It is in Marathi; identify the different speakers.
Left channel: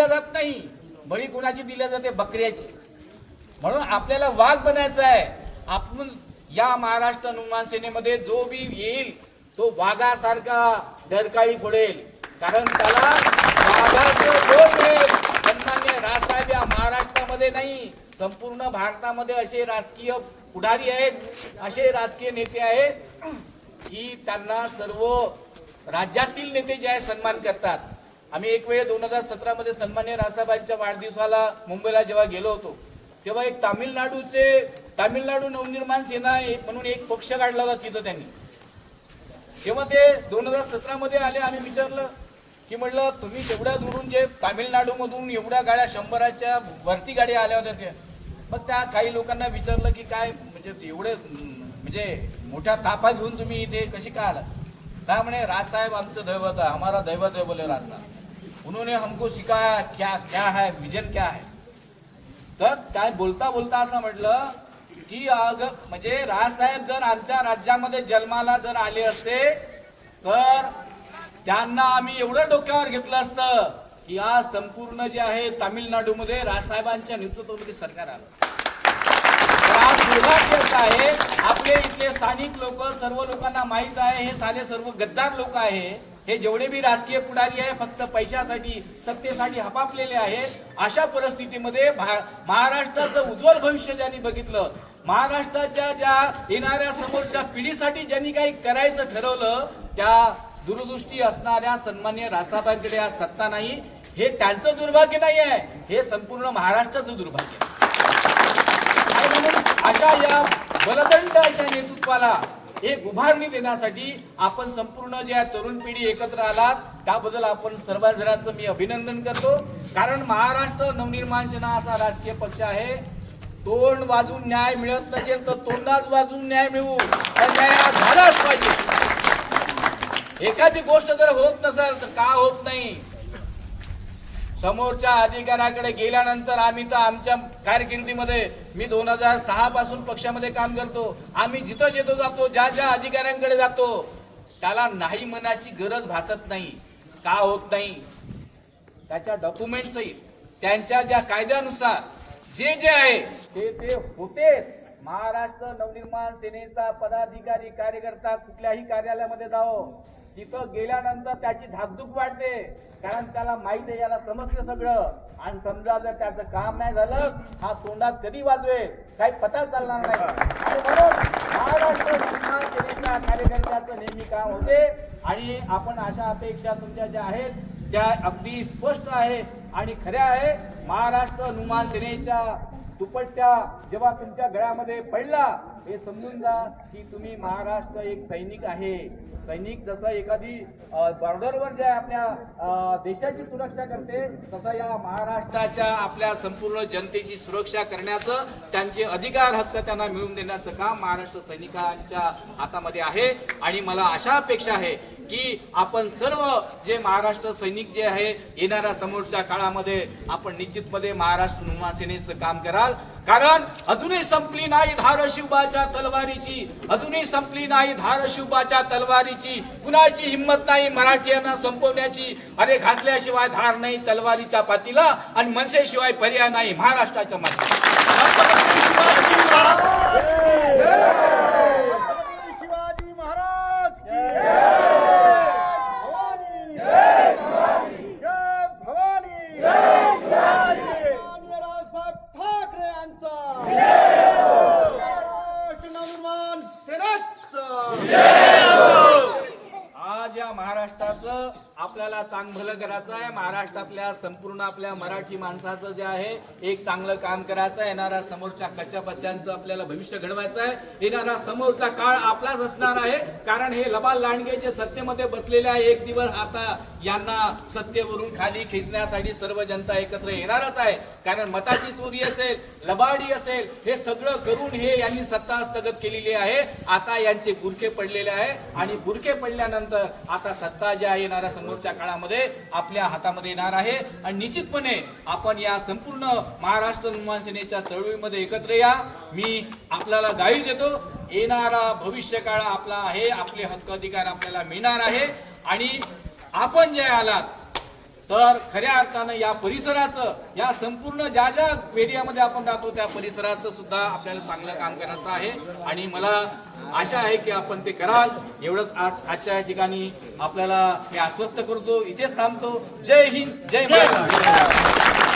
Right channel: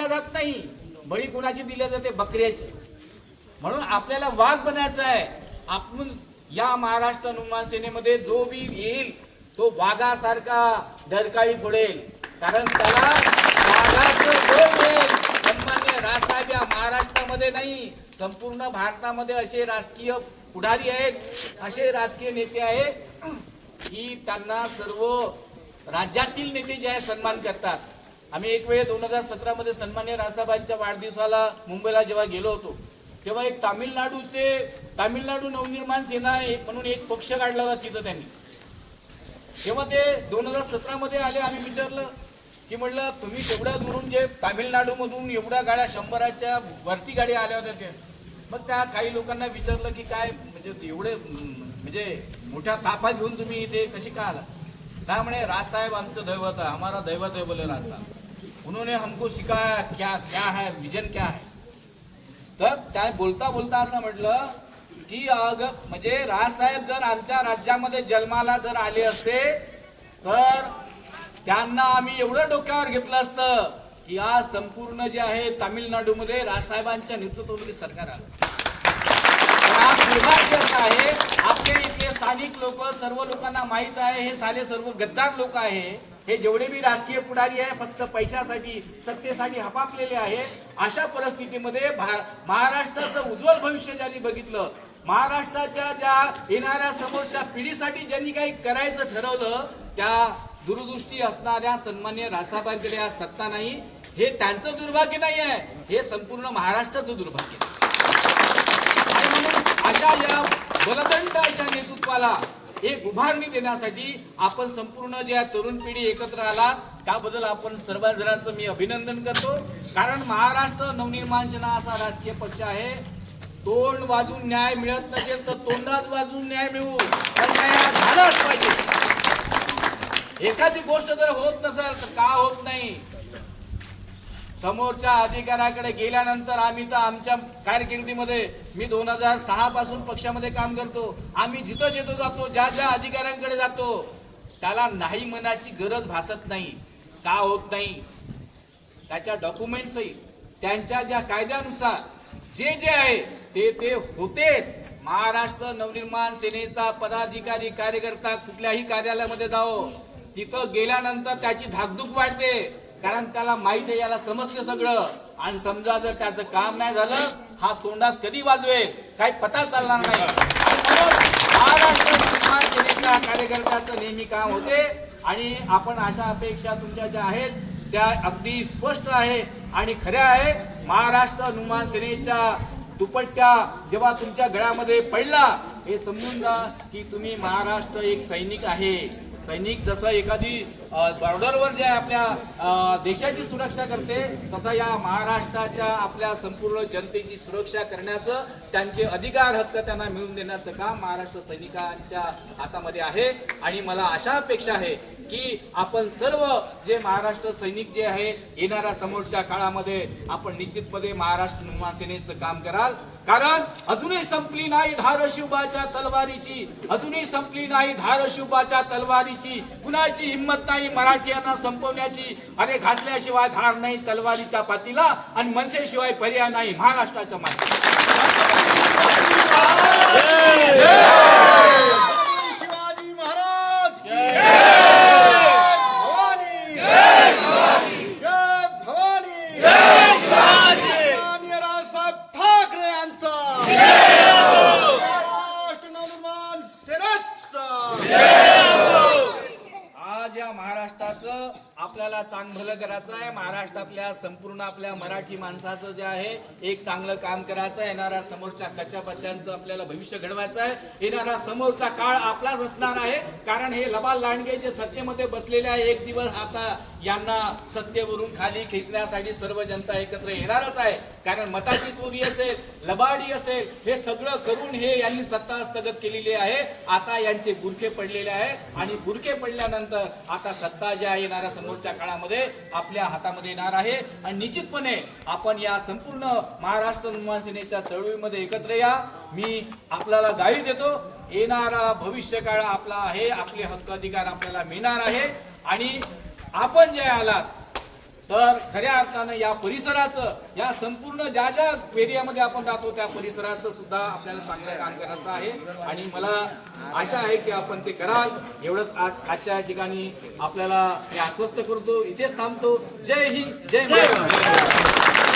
Speaker 1: दिला जात नाही. बळी कुणाची दिल्या जाते? बकऱ्याची. म्हणून आपल्याला वाघ बनायचा आहे. आपण या महाराष्ट्र निर्माण सेनेमध्ये जो बी येईल तो वाघासारखा दरकाळी पडेल कारण त्याला राजसाहेब या महाराष्ट्रामध्ये नाही. संपूर्ण भारतामध्ये असे राजकीय पुढारी आहेत असे राजकीय नेते आहेत की त्यांना सर्व राज्यातील नेते जे आहे सन्मान करतात. आम्ही एक वेळ दोन हजार सतरा मध्ये सन्मान्य रासाबाईंच्या वाढदिवसाला मुंबईला जेव्हा गेलो होतो तेव्हा एक तामिळनाडूचे तामिळनाडू नवनिर्माण सेना म्हणून एक पक्ष काढला होता तिथं त्यांनी. तेव्हा ते दोन हजार सतरा मध्ये आले आम्ही विचारलं की म्हटलं तुम्ही तेवढ्या दुरून जे तामिळनाडू मधून एवढ्या गाड्या शंभराच्या वरती गाड्या आल्या होत्या त्या. मग त्या काही लोकांना विचारलं की काय म्हणजे एवढे म्हणजे मोठ्या ताफा घेऊन तुम्ही इथे कशी का आला काय म्हणे राज साहेब आमचं दैवत आहे आम्हाला दैवत आहे बोले राज उन्होंने हमको सिखाया क्या क्या है विजन क्या है। तर त्या बोलता बोलता असं म्हटलं की अग म्हणजे राजसाहेब जर आमच्या राज्यामध्ये जन्माला जर आले असते तर त्यांना आम्ही एवढं डोक्यावर घेतलं असतं की आज संपूर्ण जे आहे तामिळनाडूमध्ये राजसाहेबांच्या नेतृत्वामध्ये सरकार आलं असतं. तर आज दुर्भाग्य असं आहे आपले इथले स्थानिक लोक सर्व लोकांना माहीत आहे हे साले सर्व गद्दार लोक आहे. हे जेवढे बी राजकीय पुढारी आहे फक्त पैशासाठी सत्तेसाठी हपापलेले आहे. अशा परिस्थितीमध्ये भा- महाराष्ट्राचं उज्ज्वल भविष्य ज्यांनी बघितलं महाराष्ट्राच्या ज्या येणाऱ्या समोरच्या पिढीसाठी ज्यांनी काही करायचं ठरवलं त्या दूरदृष्टी असणाऱ्या सन्मान्य रासाबाईंकडे आज सत्ता नाही. हे त्यांचं दुर्भाग्य नाही आहे हे संपूर्ण महाराष्ट्राचं दुर्भाग्य आहे. अशा या बलदंड अशा नेतृत्वाला एक उभारणी देण्यासाठी आपण संपूर्ण ज्या तरुण पिढी एकत्र आलात त्याबद्दल आपण सर्व जणांचं मी अभिनंदन करतो. कारण महाराष्ट्र नवनिर्माण सेना असा राजकीय पक्ष आहे. तोंड वाजून न्याय मिळत नसेल तर तोंडात वाजून न्याय मिळवू. तर न्याय हा झालाच पाहिजे. एखादी गोष्ट जर होत नसेल तर का होत नाही? समोरच्या अधिकाऱ्याकडे गेल्यानंतर आम्ही तर आमच्या कारकिर्दीमध्ये मी दोन हजार सहा पासून पक्षामध्ये काम करतो. आम्ही जिथं जिथं जातो ज्या ज्या अधिकाऱ्यांकडे जातो त्याला नाही म्हणायची गरज भासत नाही का होत नाही. त्याच्या डॉक्युमेंट सहित त्यांच्या ज्या कायद्यानुसार जे जे आहे ते ते होतेच. महाराष्ट्र नवनिर्माण सेनेचा पदाधिकारी कार्यकर्ता कुठल्याही कार्यालयामध्ये जाओ तिथं गेल्यानंतर त्याची धाकधूक वाढते. कारण त्याला माहीत आहे याला समजते सगळं. आणि समजा जर त्याचं काम नाही झालं हा तोंडात कधी वाजवेल? काही पता चालणार नाही. म्हणून महाराष्ट्र सेनेच्या कार्यकर्त्याचं नेहमी काम होते. आणि आपण अशा अपेक्षा तुमच्या ज्या आहेत त्या अगदी स्पष्ट आहे आणि खऱ्या आहे. महाराष्ट्र नुमान सेनेच्या दुपट्ट्या जेव्हा तुमच्या गळ्यामध्ये पडला हे समजून जा की तुम्ही महाराष्ट्र एक सैनिक आहे. सैनिक जसं एखादी बॉर्डरवर जे आपल्या देशाची सुरक्षा करते तसं या महाराष्ट्राच्या आपल्या संपूर्ण जनतेची सुरक्षा करण्याचं त्यांचे अधिकार हक्क त्यांना मिळवून देण्याचं काम महाराष्ट्र सैनिकांच्या हातामध्ये आहे. आणि मला अशा अपेक्षा आहे की आपण सर्व जे महाराष्ट्र सैनिक जे आहे येणाऱ्या समोरच्या काळामध्ये आपण निश्चितपणे महाराष्ट्र सेनेचं काम कराल. कारण अजूनही संपली नाही धारशिवबाच्या तलवारीची. अजूनही संपली नाही धारशिवबाच्या तलवारीची. कुणाची हिंमत नाही मराठीयांना संपवण्याची. अरे घासल्याशिवाय धार नाही तलवारीच्या पातीला आणि मनसेशिवाय पर्याय नाही महाराष्ट्राच्या माती
Speaker 2: शिवाजी महाराज की जय भवानी जय शिवाजी जय भवानी जय शिवाजी माननीय रावसाहेब ठाकरे यांचा महाराष्ट्र नवनिर्माण सेनेचा
Speaker 1: आज या महाराष्ट्राचं आपल्याला चांग भलं करायचं आहे. महाराष्ट्रातल्या संपूर्ण आपल्या मराठी माणसाचं जे आहे एक चांगलं काम करायचं आहे. येणाऱ्या समोरच्या कच्च्या बच्चांचं आपल्याला भविष्य घडवायचं आहे. येणारा समोरचा काळ आपलाच असणार आहे. कारण हे लबाल लांडगे जे सत्तेमध्ये बसलेले आहे एक दिवस आता यांना सत्तेवरून खाली खेचण्यासाठी सर्व जनता एकत्र येणारच आहे. कारण मताची चोरी असेल लबाडी असेल हे सगळं करून हे यांनी सत्ता हस्तगत केलेली आहे. आता यांचे बुरके पडलेले आहे. आणि बुरके पडल्यानंतर आता सत्ता जी ज्या येणाऱ्या समोरच्या काळामध्ये आपल्या हातामध्ये येणार आहे. आणि निश्चितपणे आपण या संपूर्ण महाराष्ट्र निर्माण सेनेच्या चळवळीमध्ये एकत्र या. मी आपल्याला गाई देतो. येणारा भविष्य काळ आपला आहे. आपले हक्क अधिकार आपल्याला मिळणार आहे. आणि आपण जे आलात तर खऱ्या अर्थानं या परिसराचं या संपूर्ण ज्या ज्या एरियामध्ये आपण राहतो त्या परिसराचं सुद्धा आपल्याला चांगलं काम करायचं आहे. आणि मला आशा आहे की आपण ते कराल. एवढंच आज- आजच्या या ठिकाणी आपल्याला मी आश्वस्त करतो. इथेच थांबतो. जय हिंद जय महाराष्ट्र.